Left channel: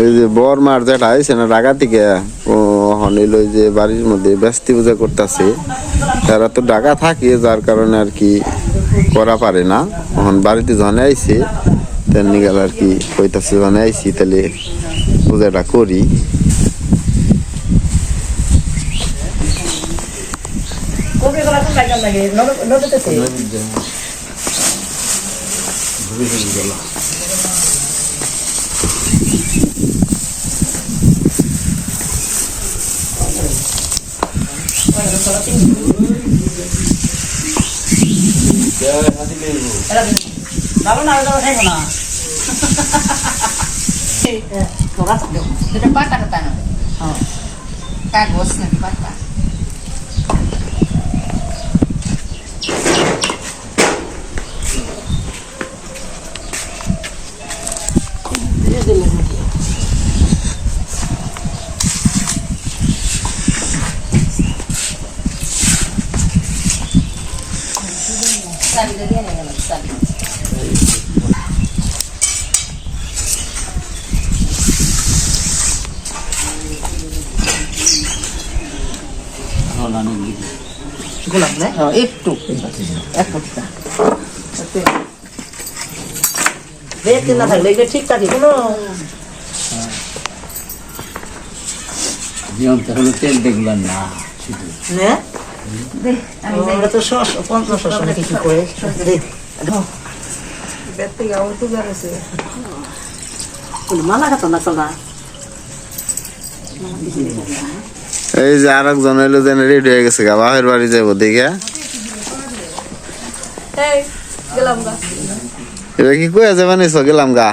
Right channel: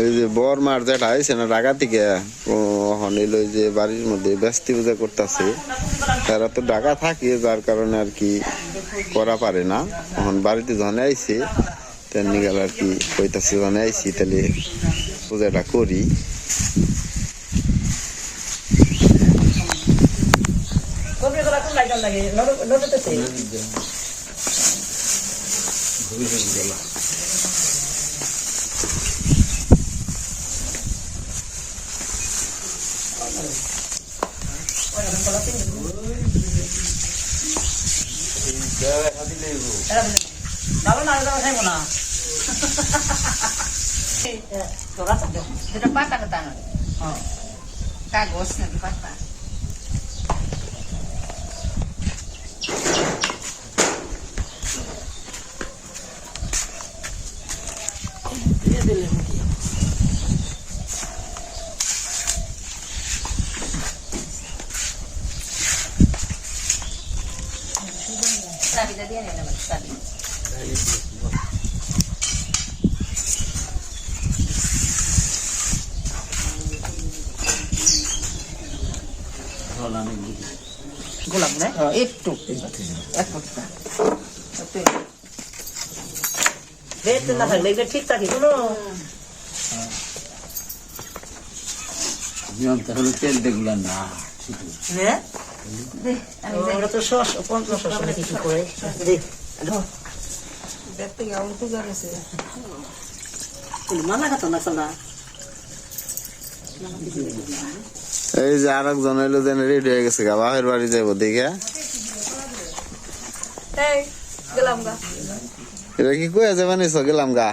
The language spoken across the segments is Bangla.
এই যে বর মার যেটা আইছে না ঢাকা থেকে ও হনিল ওই যে বাড়ির মধ্যে ব্যস্তি পূজা করতেছে, তারা তো ঢাকা থাকে যার কারণে আর কি করা পারে না। এখন বাড়িতে যখন আইছে তেমনি গেল আর কি কইতাছে যখন আইছি তাহলে পূজাটা করি। Kagos na bata. Sabi na diyan naman sabi. গোলাপ না একটু এক ফুটা বেতে না থাকলে এটা ঠিক থাকে কোনো জীবন তাহলে তেল দেখলেন না শুধু না আমরা তো সস পঞ্চ সস নাকি কি করে বেতে গাও তো যাচ্ছে মালা খাতো না চলা এই যে আর একজন হইলো যেন রেডি হয়ে গেছে গা বাপের বাড়ি যাবো দেখে। এটা কি কয়ে যাবে নিছো গেলাম গা?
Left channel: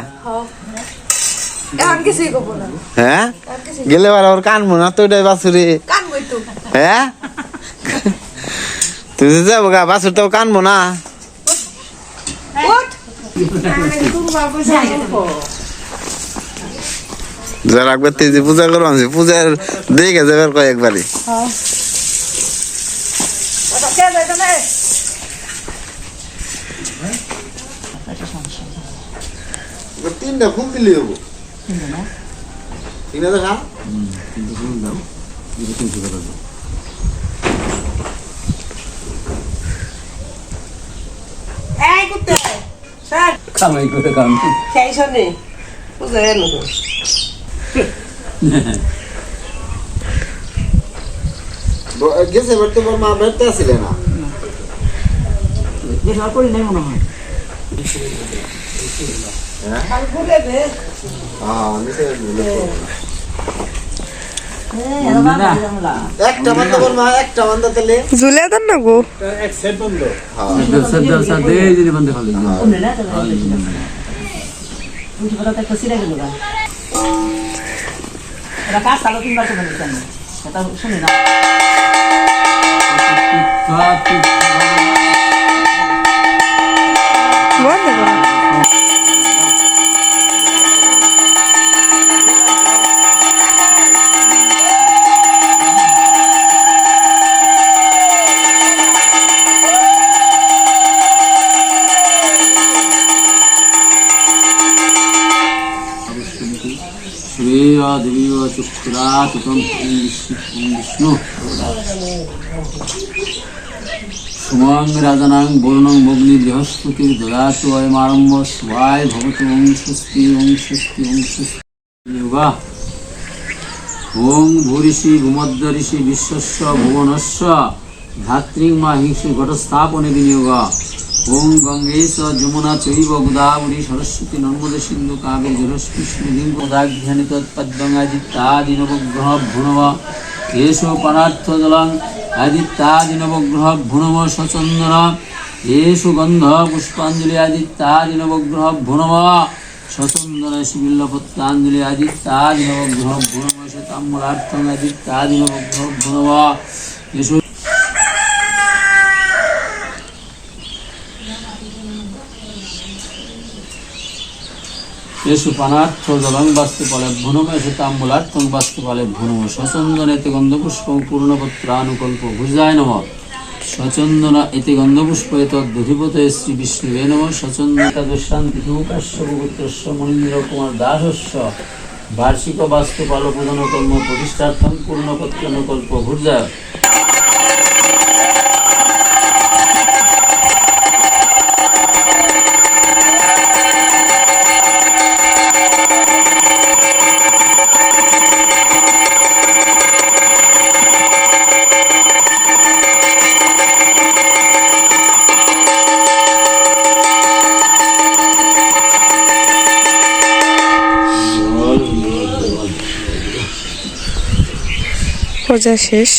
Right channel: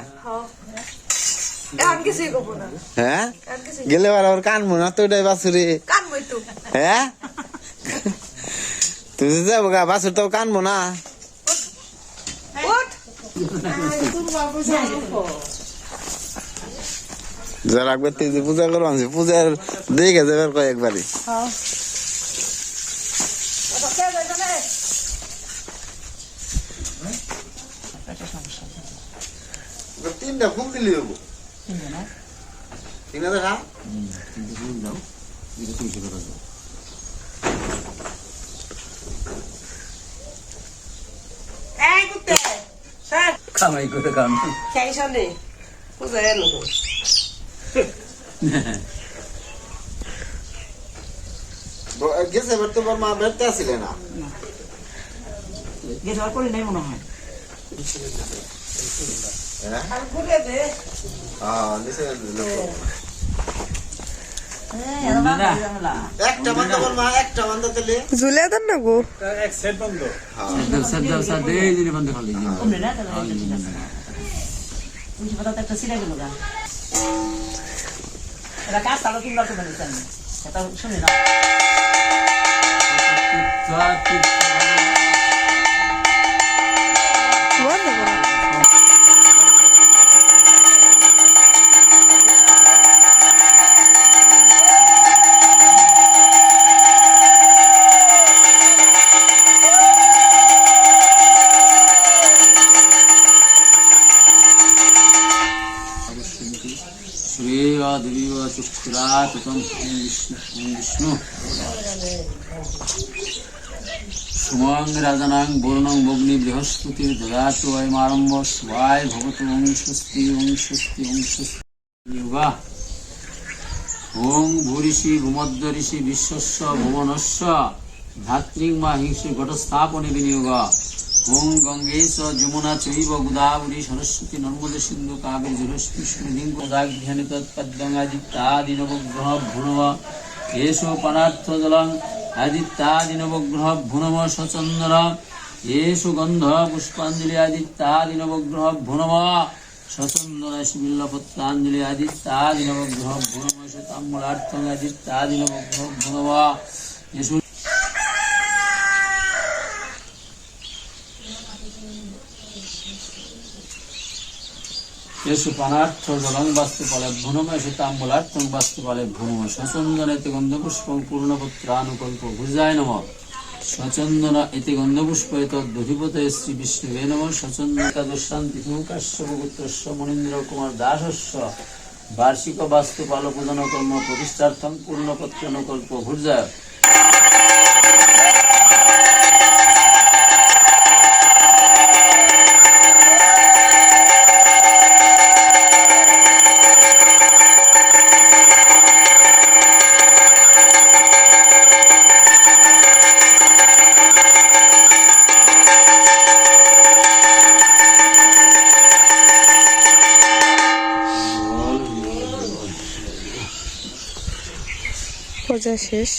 হ্যাঁ গেলে ওর কানবো না তো ওইটাই বাছুরি। হ্যাঁ তুই যাবো গা বাছুর তো কানবো না। যারা একবার তেজি পূজা করো পূজার দেখে যাবে কয়েকবারই। তিনটা খুব দিলি হবো ঠিক না দেখা দাও কামাই করে কাম গেছে এবার তো মা বেড়তে আসলে না করি নাই মনে হয় ঝুলে দেন না গো বন্ধ খালি শুনি না বন্ধ করো देवी चुक्षुरा विष्णु सुमंग राजनां वरुणं भग्नि बृहस्पतिर ददातु अयमारम्भ स्वाय भवतु ओं स्वस्ति ओं स्वस्ति ओं स्वस्ति योगा ओं भूरिषि भूमध्य ऋषि विश्वस्य भुवनस्य धात्रीं माहिषि घटस्थापने विनियोगा ओं गंगेश जमुना चैव गोदावरी सरस्वती नर्मदे सिंधु कावेरी जलस्मिन् गोदाघ्यानित पद्मंगादित्यादिनवग्रह भुनव येषु पनार्थ जलं आदित्यादिनवग्रह भुनव सचंदन येषु गंध पुष्पांजलि आदित्यादिनवग्रह भुनव सचंदन शिबिल्लपत्रांजलि आदित्यादिनवग्रह भुनव शताम्बरार्थं आदित्यादिनवग्रह भुनव येषु येषु पानार्थ जलं वास्तुपाले भुनम येषु ताम्बूलार्थं वास्तुपाले भुनम सचंदन इति गंधपुष्पं पूर्णपत्रानुकल्प भुजाय नमः सचंदन इति गंधपुष्प एतद्दधिपतये श्री विष्णुवे नमः सचंदन तदुशान्तिथुकस्य गोत्रस्य मुनीन्द्र कुमार दासस्य বার্ষিক বাস্তু পাল প্রধান কর্ম প্রতিষ্ঠার্থম পূর্ণপত্রানুকল্প ভূর্জায় পূজা শেষ।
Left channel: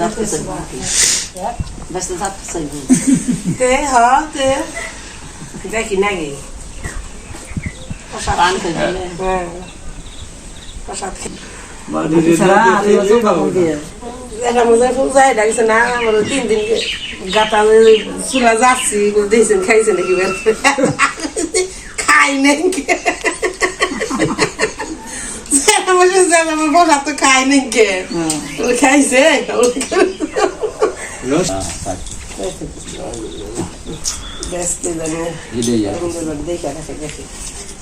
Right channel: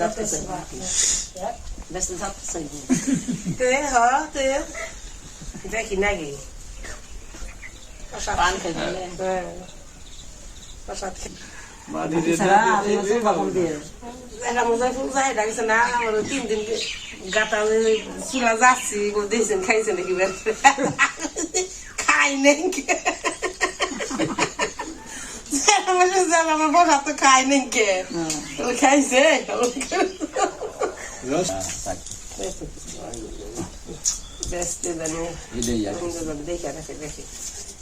দেখতেছি বাহ দেখি নাকি এটা মজা ফুল যায় ডাকছে না আমার 3 দিন গাতা চুলা যাচ্ছি দিয়েছেন খাইছে নাকি বের খাই নাকি আমার বসা তো খাই নাকি খাইছে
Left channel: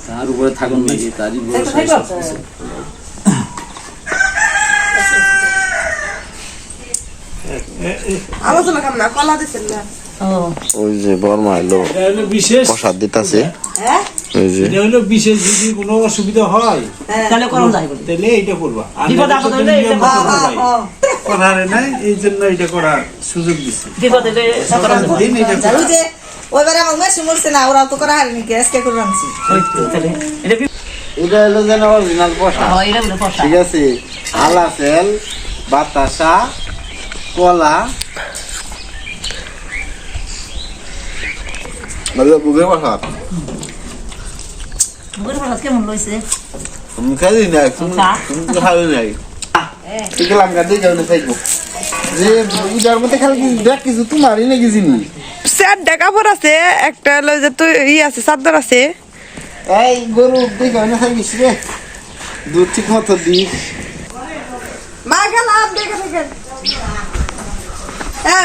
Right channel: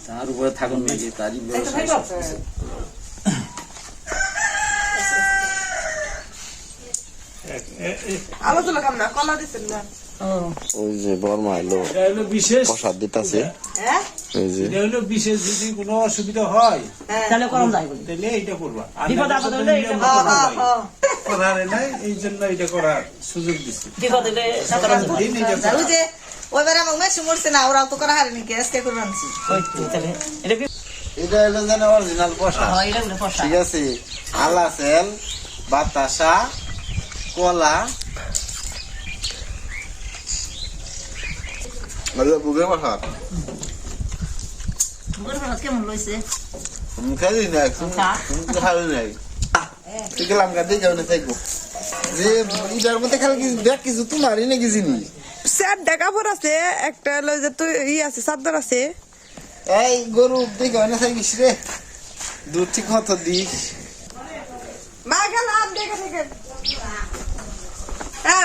তার উপরে থাকুন নাকি তারই আলোচনা কেমন না কলা দিচ্ছেন না? ওই যে বর্মা এলো বিশেষ প্রসাদ দিতাছে হ্যাঁ ওই যে এটা হলো বিশেষ যদি কোনো অসুবিধা হয় তাহলে করুন যাই বলি তাহলে এইটা করবা আর বিপদ আপদ হলে নিয়ম এটা মতো করবাই। করার নাই এই জন্য এটা করার সুযোগ দিচ্ছে বিপদ হলে দিন এটা করবা। ওই যে ওইবারে আমার মেশো মরছে না ওরাও তো করা হারিনি কি আজকে করে আনছি তাহলে এটা এটা হলো যেন অরিজিনাল প্রসাদ হয় এটা বলে পয়সা ঠিক আছে আলাসেল বাতাসা কলা ভালো বুকে প্রসাদ বুড়ো মানুষ কেমন লইছে আমি খাই নাই তুমি খাই নাই ঠিক লাঙ্গা দিয়ে যাও না থাকবো যে ইটার মধ্যে খালি দেখ কিছু তোমারই নাকি চিনি স্যার কাপড় আছে একটা হলো যে তুই আছে চাদর আছে। এই গরু দিয়ে যাও না থাকিস রে দুধ ঠিক মতো দিস মা গেলাম দেখে দেখে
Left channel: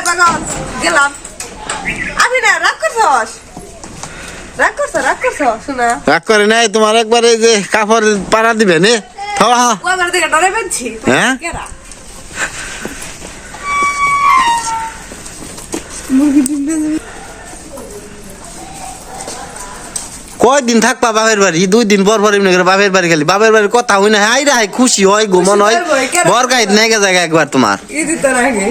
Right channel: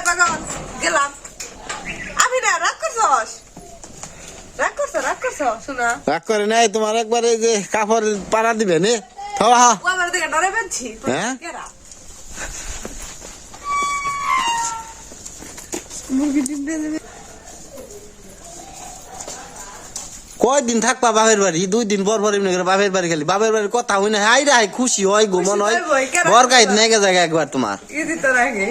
পাগল গেলাম আমি না রাগ করছস শোনা রাগ করে নাই তোমার একবারে যে কাপড় পাড়া দিবে নে থাওয়া ও আমার দিকে ডরে বেঁধছি হ্যাঁ কয়দিন থাকবা বাপের বাড়ি 2 দিন পর পর এমনি করে বাপের বাড়ি গেলি বাপের বাড়ির কথা হই না হাই রে হাই খুশি হয় ঘুমন হয় বর গাইত নেগে জায়গা একবার তোমার ই দিতে রাখে